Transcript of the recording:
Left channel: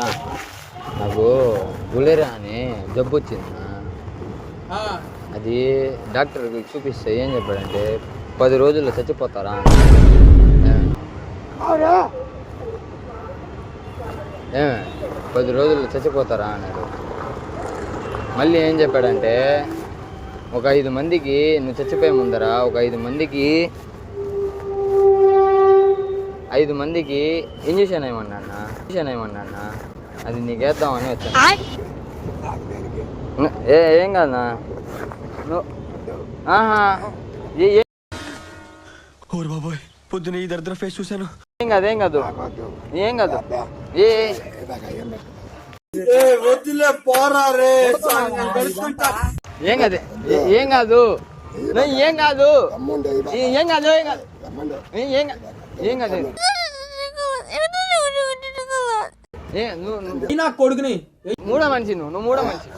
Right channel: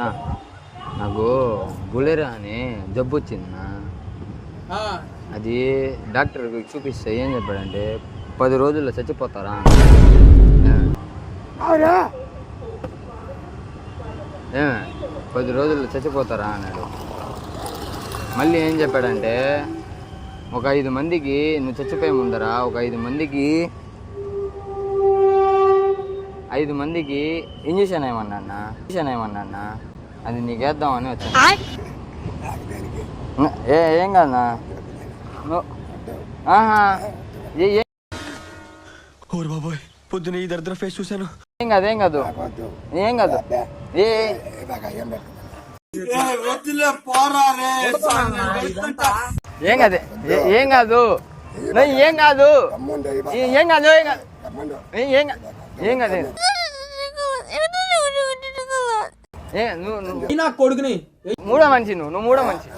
నాకు గులేరా అని జబ్బు వచ్చింది. అది డాక్టర్కి చూపిస్తే ఏం చెప్పాడంటే 10 రోజుల్లో చచ్చిపోతారా. ఏమే 10 రోజుల్లో చచ్చిపోతారా అన్నాడు. మళ్ళీ ఏం చెప్పాడంటే ఒక 5 మందికి నువ్వు చచ్చిపోయే ముందర ఒక 5 మందికి ఇంజక్షన్ ఏమన్నా అది నీకు వేద్దామని వచ్చా. ఏం కాదన్నా బాబోయ్ పొద్దున ఈ దరిద్ర ఫేస్ చూశాను. ఏం కాదు ఏం కాదు ఏం కాదు ఏం కాదు ఏం కాదు ఏం కాదు ఏం కాదు ఏం కాదు కొడుకుని మూడో మనిషి నువ్వు మూడో మనిషి.